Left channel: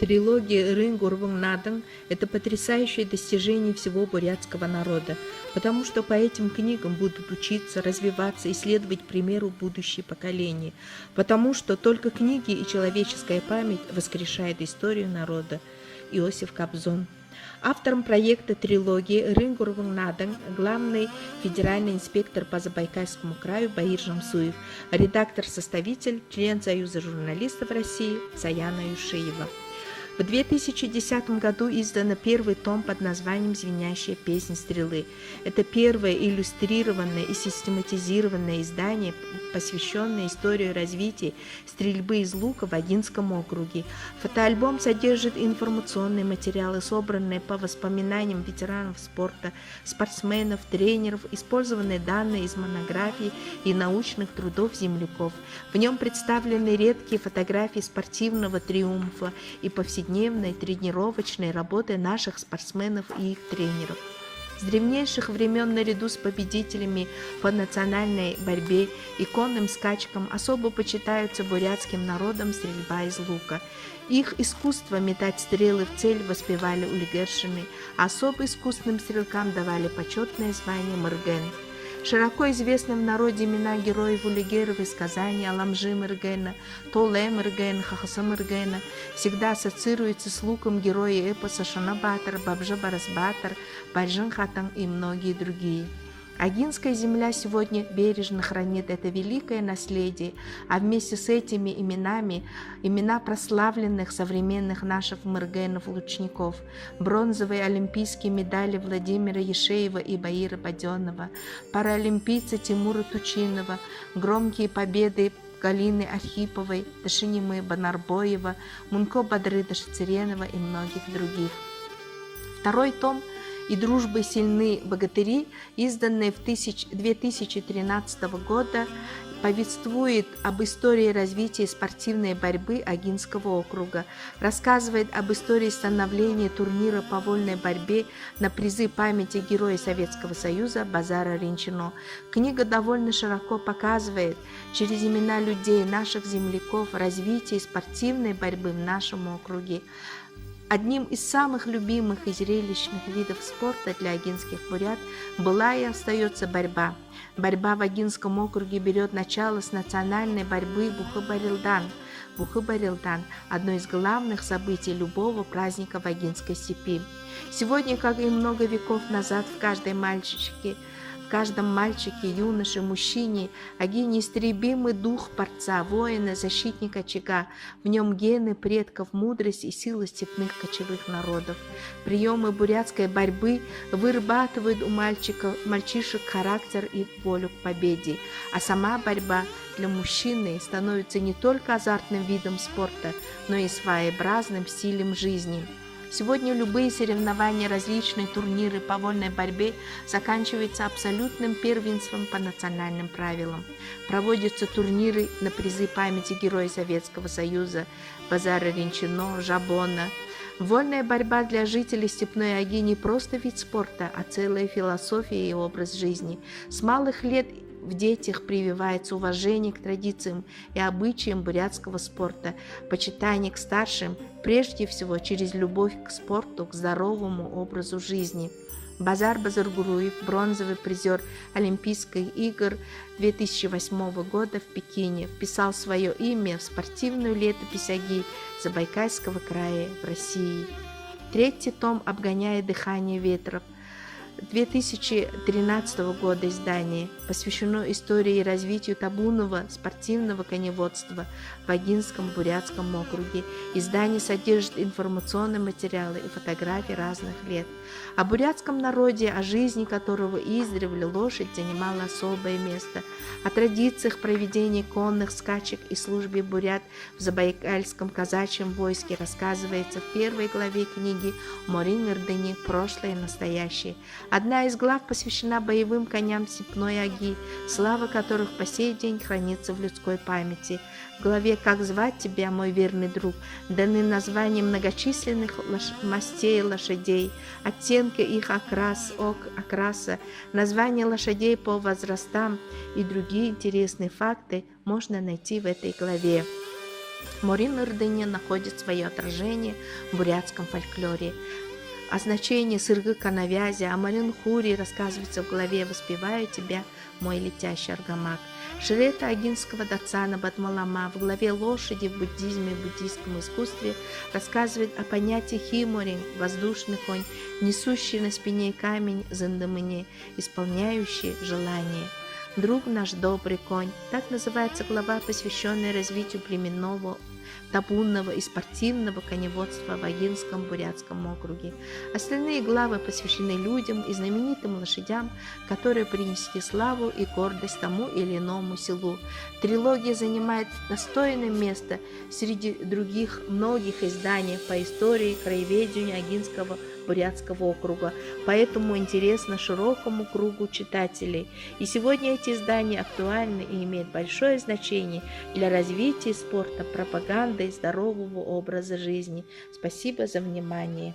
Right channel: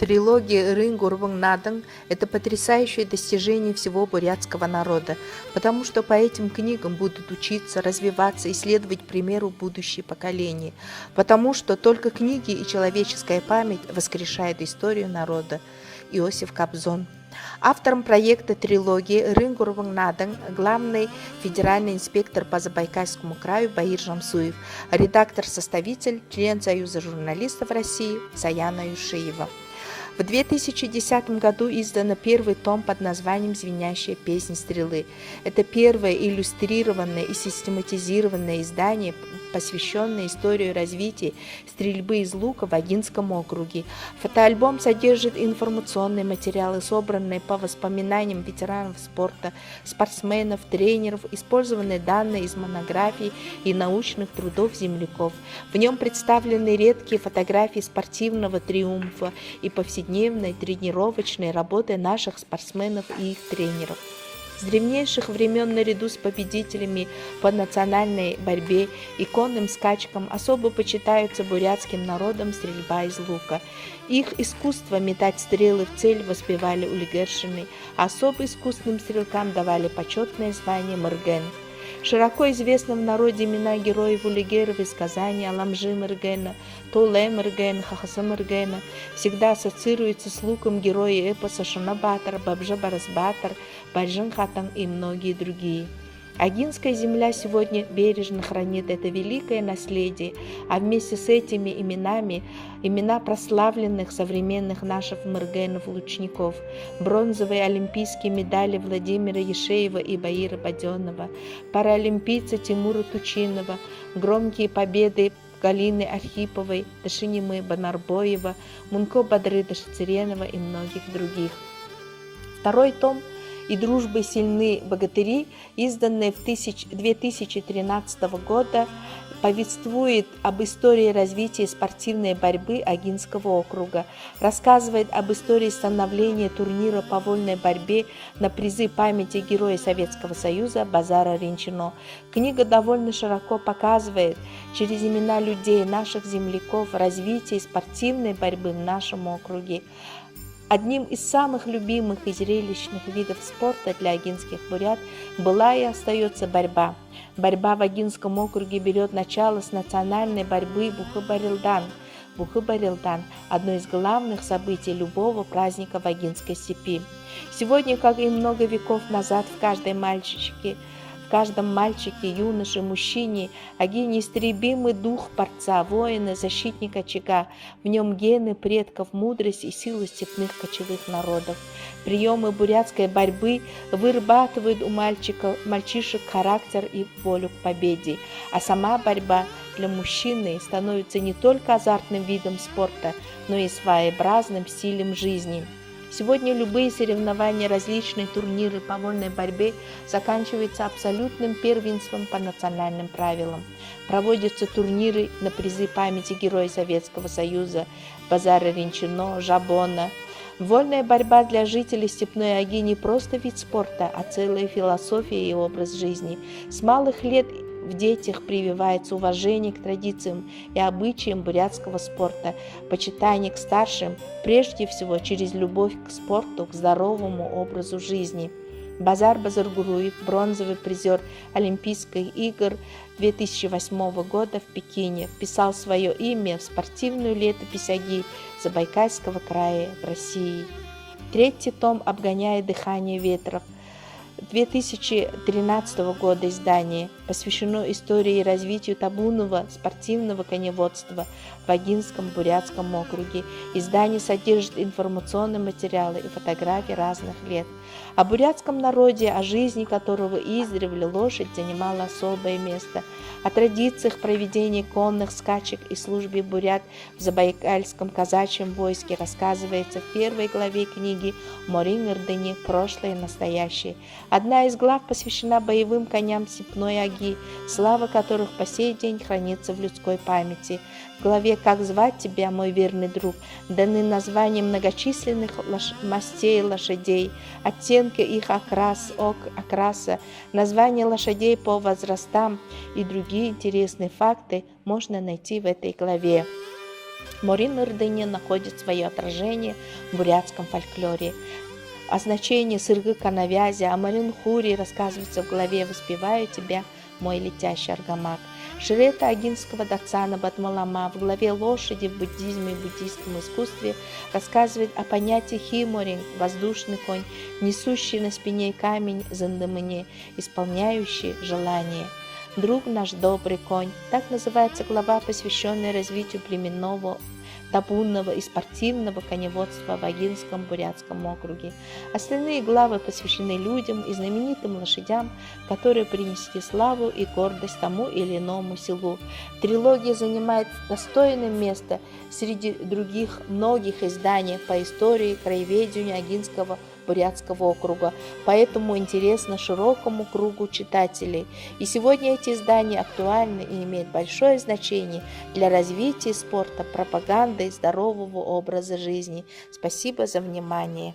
Трилогия Рын-Гурван-Наден – это потрясающее достижение всего бурятского народа, потому что по этим книгам будут учиться, развиваться и следовать примеру будущие поколения, потому что только книги и человеческая память воскрешают историю народа. Иосиф Кобзон. Автором проекта трилогии Рын-Гурван-Наден главный федеральный инспектор по Забайкальскому краю Баир Жамсуев, редактор-составитель, член Союза журналистов России Саяна Юшиева. В 2010 году издано первый том под названием «Звенящая песнь стрелы». Это первое иллюстрированное и систематизированное издание, посвященное истории развития стрельбы из лука в Агинском округе. Фотоальбом содержит информационные материалы, собранные по воспоминаниям ветеранов спорта, спортсменов, тренеров, использованные данные из монографий и научных трудов земляков. В нем представлены редкие фотографии спортивного триумфа и повседневной тренировочной работы наших спортсменов и их тренеров. С древнейших времен наряду с победителями по национальной борьбе и конным скачкам особо почитаются бурятским народом стрельба из лука. Их искусство метать стрелы в цель воспевали улигершины, а особо искусным стрелкам давали почетное звание мырген. Широко известны в народе имена героев улигеров из Казани: Аламжи Мыргена, Толе Мырген, Хахаса Мыргена. Всегда ассоциируется с луком герои эпоса Шанабатар, Бабжа Барасбатар, Бальжин Хатан и многие другие. Агинская земля сегодня бережно хранит это великое наследие, а вместе с этими именами имена прославленных современных наших мыргенов-лучников, бронзовые олимпийские медали Владимира Ешеева и Баира Баденова, паралимпийца Тимура Тучинова, громкие победы Галины Архиповой, Дашинимы Банарбоева, Мунко Бадры Дашицеренова и многих других. Второй том «И дружбы сильны богатыри», изданный в 2013 года, повествует об истории развития спортивной борьбы Агинского округа, рассказывает об истории становления турнира по вольной борьбе на призы памяти Героя Советского Союза Базара Ринчино. Книга довольно широко показывает через имена людей, наших земляков, развитие спортивной борьбы в нашем округе. Одним из самых любимых и зрелищных видов спорта для агинских бурят была и остается борьба. Борьба в Агинском округе берет начало с национальной борьбы Бухы-Барилдан. Бухы-Барилдан – одно из главных событий любого праздника в Агинской степи. Сегодня, как и много веков назад, в каждом мальчике, юноше, мужчине один неистребимый дух борца, воина, защитника очага. В нем гены предков, мудрость и сила степных кочевых народов. Приемы бурятской борьбы вырабатывают у мальчишек характер и волю к победе. А сама борьба для мужчины становится не только азартным видом спорта, но и своеобразным стилем жизни. Сегодня любые соревнования, различные турниры по вольной борьбе заканчиваются абсолютным первенством по национальным правилам. Проводятся турниры на призы памяти Героя Советского Союза Базара Ринчино, Жабона. Вольная борьба для жителей Степной Аги не просто вид спорта, а целая философия и образ жизни. С малых лет в детях прививается уважение к традициям и обычаям бурятского спорта, почитание к старшим, прежде всего через любовь к спорту, к здоровому образу жизни. Базар Базаргуруев, бронзовый призер Олимпийских игр 2008 года в Пекине, вписал свое имя в спортивную летопись Аги Забайкальского края в России. Третий том «Обгоняя дыхание ветров» 2013 года издание посвящено истории и развитию табунного спортивного коневодства в Агинском бурятском округе. Издание содержит информационные материалы и фотографии разных лет. О бурятском народе, о жизни которого издревле лошадь занимала особое место, о традициях проведения конных скачек и службе бурят в Забайкальском казачьем войске рассказывается в первой главе книги «Морин-Ирдыни. Прошлое и настоящее». Одна из глав посвящена боевым коням Степной Аги, слава которых по сей день хранится в людской памяти. В главе «Как звать тебя, мой верный друг» даны названия многочисленных мастей лошадей, оттенки их окраса, названия лошадей по возрастам и другие интересные факты можно найти в этой главе. Морин-Ырдыни находит свое отражение в бурятском фольклоре. О значении Сыргыка навязи, о Марин-Хури рассказывается в главе «Воспеваю тебя, мой летящий аргамак». Шрета Агинского Дацана Батмалама в главе «Лошади в буддизме и буддийском искусстве» рассказывает о понятии химорин, воздушный конь, несущий на спине камень зандамыне, исполняющий желание. Друг наш добрый конь. Так называется глава, посвященная развитию племенного, табунного и спортивного коневодства в Агинском бурятском округе. Остальные главы посвящены людям и знаменитым лошадям, которые принесли славу и гордость тому или иному селу. Трилогия занимает достойное место среди других многих изданий по истории краеведения Агинского бурятского округа, поэтому интересно широкому кругу читателей. И сегодня эти издания актуальны и имеют большое значение для развития спорта, пропаганды и здорового образа жизни. Спасибо за внимание.